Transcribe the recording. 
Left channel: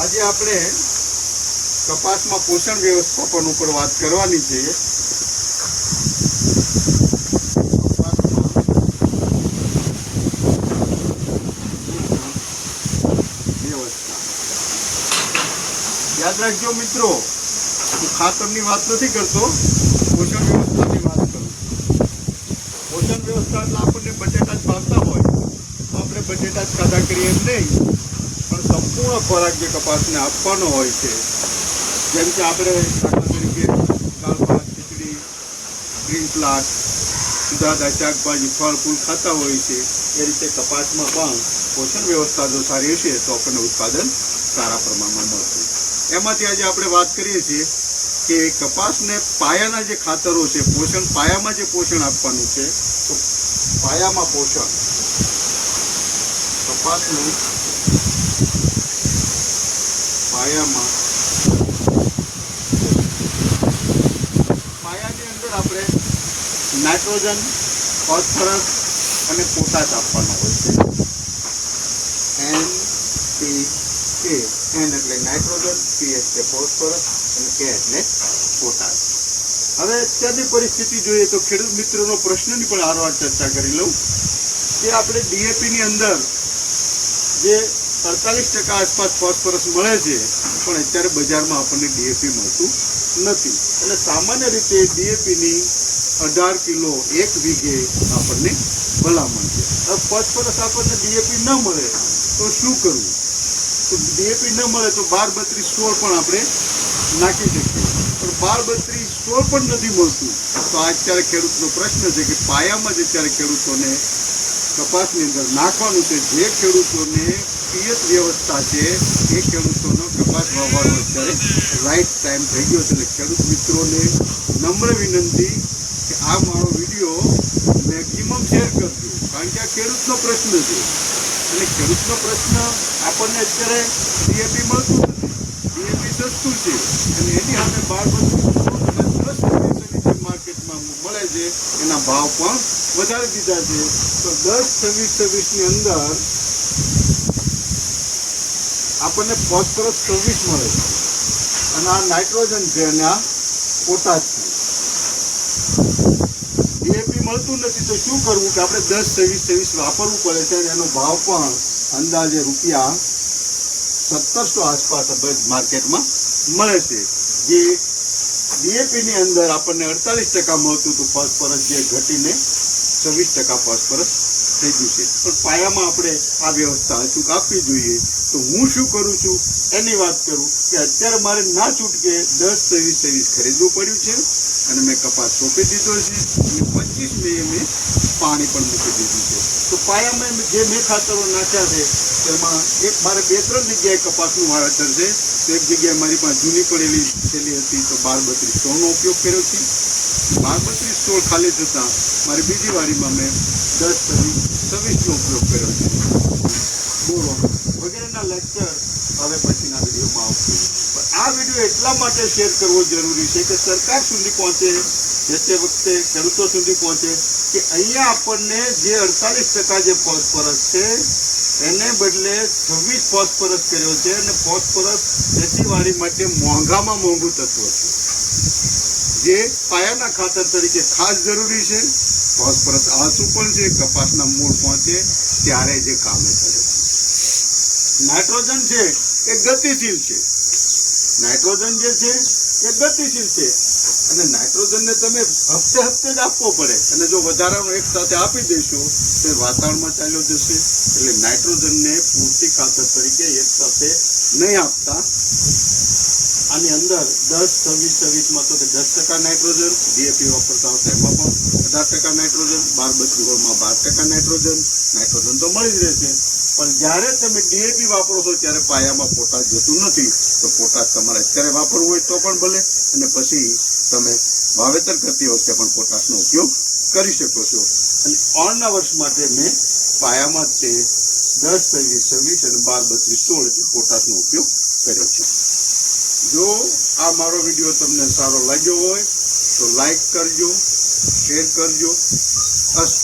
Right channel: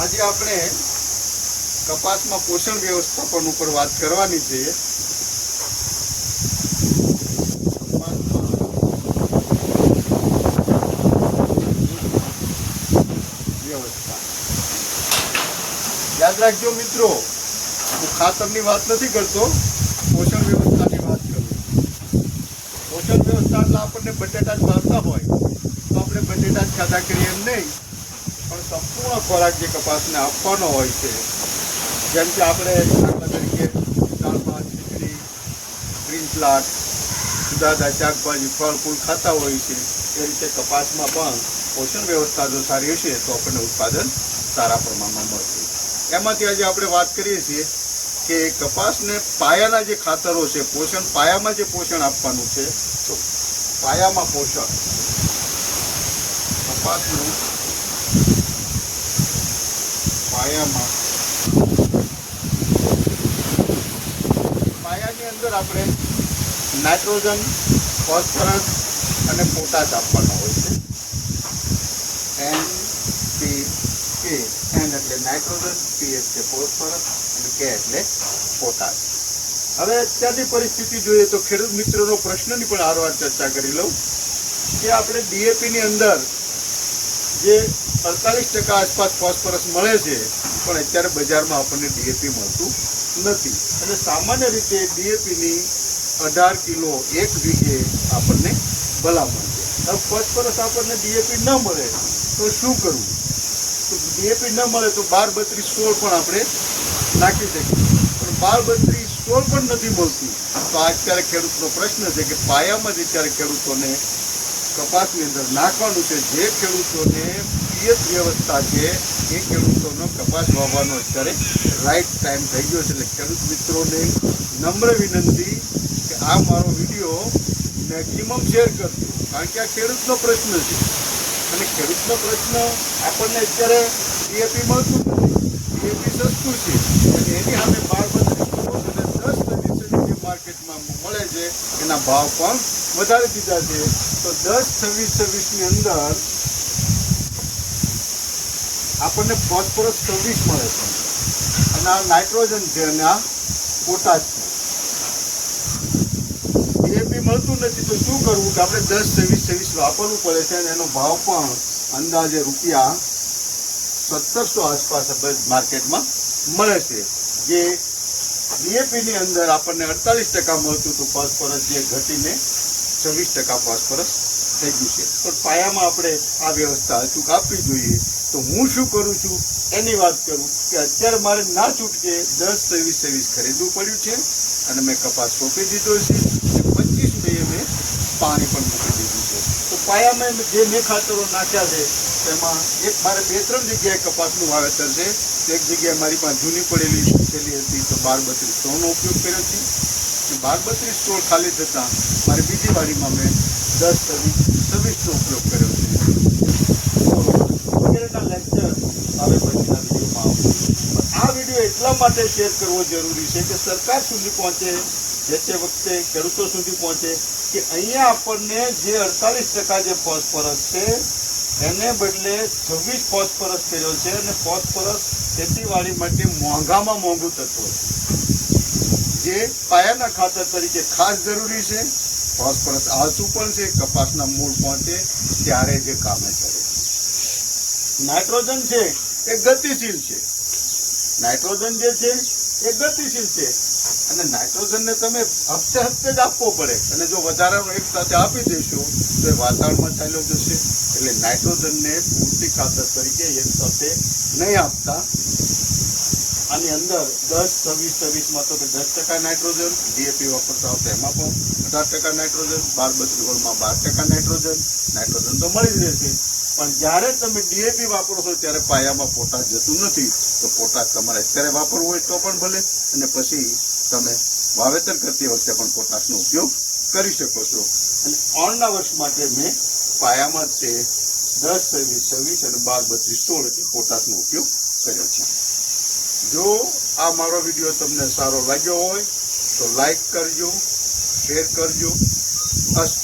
આજે આપણે કપાસમાં પોષણ વ્યવસ્થાપન ઉપર વાત કરવાની છે. યાદ રાખજો મિત્રો, હું ખાતરની વાત નથી કરતો, પોષણ વ્યવસ્થાની વાત કરું. પોષણ વ્યવસ્થા એટલે આપણને બટેટા જ ભાવતા હોય તો આપણે બટેટા જ ખાધા કરીએ નહીં, પણ સંપૂર્ણ ખોરાક જે કપાસને આપવાનો હોય છે, જેમ કે આપણે તરીકે દાળ ભાત ખીચડી, ગ્રીન પ્લાન્ટ, જુદા જુદા શાકભાજી ફળ ફૂલ ખાતા હોય છે, એ રીતે કપાસમાં પણ પોષણ વ્યવસ્થા જો સારી હશે તો આપણને ઉત્પાદન સારા પ્રમાણમાં મળશે. એમાંથી આજે આપણે વાત કરીએ છીએ કે કપાસને પાયાના જે ખાતરો છે, પોષણ પાયામાં જે પોષણ આપવાનું છે, તો પાયામાં પોષણ કપાસનું પાયાની અંદર આપણે નાઇટ્રોજન, ફોસ્ફરસ અને પોટાશ આપવાનો હોય છે. NPK, N એટલે નાઇટ્રોજન, P એટલે ફોસ્ફરસ અને K એટલે પોટાશ. હવે અત્યારની પરિસ્થિતિ જોઈએ તો ખેડૂત મિત્રોનો પ્રશ્નની પણ હારવાર ચર્ચા કરી લઉં કે આપણે DAPની અંદર જે 48% આસપાસ ફોસ્ફરસ મળે છે, પણ અત્યારે બજારમાં આપણને DAP મળતું નથી. એટલે સામાન્ય રીતે DAPની 18 કિલો 1 વીઘે આપણને ભલામણ છે. હવે ફોસ્ફરસ આપણને DAP ન મળે તો શું કરવું? તો DAP ન મળે તો 12-32-16 પણ આપણે નાખી શકીએ, પણ 12-32-16 પણ નથી મળતું. તો અત્યારે ખેડૂતનો પ્રશ્ન છે કે પાયામાં જ અત્યારે ખેડૂતોને કપાસની અંદર નાખવાનું છે. જે ખેડૂતોને પિયત વ્યવસ્થા છે એ ખેડૂતોનો કપાસ વાવવાનો અત્યારે રાઈટ ટાઈમ થઈ ગયો છે. એટલે ખેડૂત મિત્રોને નમ્ર વિનંતી કે આ મારો વિડીયો મેક્સિમમ શેર કરજો, કારણ કે આ ખેડૂતનો પ્રશ્ન છે અને ખેડૂતનો પ્રશ્ન આપણને અત્યારે DAP મળતું નથી. DAP સસ્તું છે અને એની સામે 12-10 માર્કેટમાં મળે છે, એના ભાવ પણ વધારી દીધા છે. તો 10-26-26ની અંદર આપણને ફોસ્ફરસ 24 મળે છે અને આ નાઇટ્રોજન છે અને આ પોટાશ છે. DAP મળતું નથી તો શું કરવું? કે આપણે 10-26-26 વાપરવું પડે છે અને એનો ભાવ પણ અંદાજે રૂપિયા 1700 આસપાસ માર્કેટમાં મળે છે. જે DAPની અંદર આપણને 48% મળતું હતું ફોસ્ફરસ, જે ઘટીને 26% ફોસ્ફરસ થઈ ગયું છે. પણ પાયામાં આપણે આ વ્યવસ્થા અચૂક આપવી જોઈએ. તો હું શું કરું છું એની વાત કરું કે અત્યારે મારે ના છૂટકે 10-23-23 ખરીદવું પડ્યું છે અને મેં કપાસ રોપી દીધો છે. 25 મે મેં પાણી પણ મૂકી દીધું છે. તો પાયામાં જે મેં ખાતરો નાખ્યા છે એમાં એક મારે 2-3 જગ્યાએ કપાસનું વાવેતર છે. એક જગ્યાએ મારી પાસે જૂની પડેલી થેલી હતી તો 12-32-16નો ઉપયોગ કર્યો છે. 12-32-16 ખાલી થતાં મારી બીજી વારીમાં મેં 10-26-26નો ઉપયોગ કર્યો છે. વગેરેના લેક્ચર હવે પછીના વિડીયોમાં આવશે. આ વિડીયો એટલા માટે શેર કરવો જરૂરી છે કે સરકાર સુધી પહોંચે, જે તે વખતે ખેડૂતો સુધી પહોંચે કે અહીંયા આપણને જે 48% જે ફોસ્ફરસ છે એને બદલે 26 ફોસ્ફરસ કર્યો છે અને ફોસ્ફરસ ખેતીવાડી માટે મોંઘામાં મોંઘું તત્વ છે, જે પાયાના ખાતર તરીકે ખાસ જરૂરી છે. ફોસ્ફરસ આળસુ પણ છે, કપાસના મૂળ પહોંચે ત્યારે જે કામે કરે. નાઇટ્રોજન છે એ ગતિશીલ છે. નાઇટ્રોજન જે છે એ ગતિશીલ છે અને નાઇટ્રોજનને તમે હપ્તે હપ્તે જ આપવો પડે, અને જો વધારાનો એક સાથે આપી દઈશું તો એ વાતાવરણમાં ચાલ્યો જશે. એટલે નાઇટ્રોજનને પૂરતી ખાતર તરીકે એક સાથે નહીં આપતા. આની અંદર 10-26-26માં તો 10% નાઇટ્રોજન, DAP વાપરતા હોય એમાં પણ 18% નાઇટ્રોજન, 12-32-16માં 12% નાઇટ્રોજન તો મળી જ રહેશે. પણ જ્યારે તમે DAP વાપરો છો ત્યારે પાયામાં પોટાશ જતું નથી. તો પોટાશ તમારે અત્યારે વાપરવું હોય તો પણ ભલે, અને પછી તમે વાવેતર કરતી વખતે પણ પોટાશનો ઉપયોગ કરી શકો છો. અને ઓળના વર્ષ માટે મેં પાયામાં તે 10-26-26 અને 12-32-16 એટલે પોટાશનો ઉપયોગ કર્યો છે. જો આ મારો વિડીયો તમને સારો લાગ્યો હોય તો લાઈક કરજો, શેર કરજો. અસ્તુ.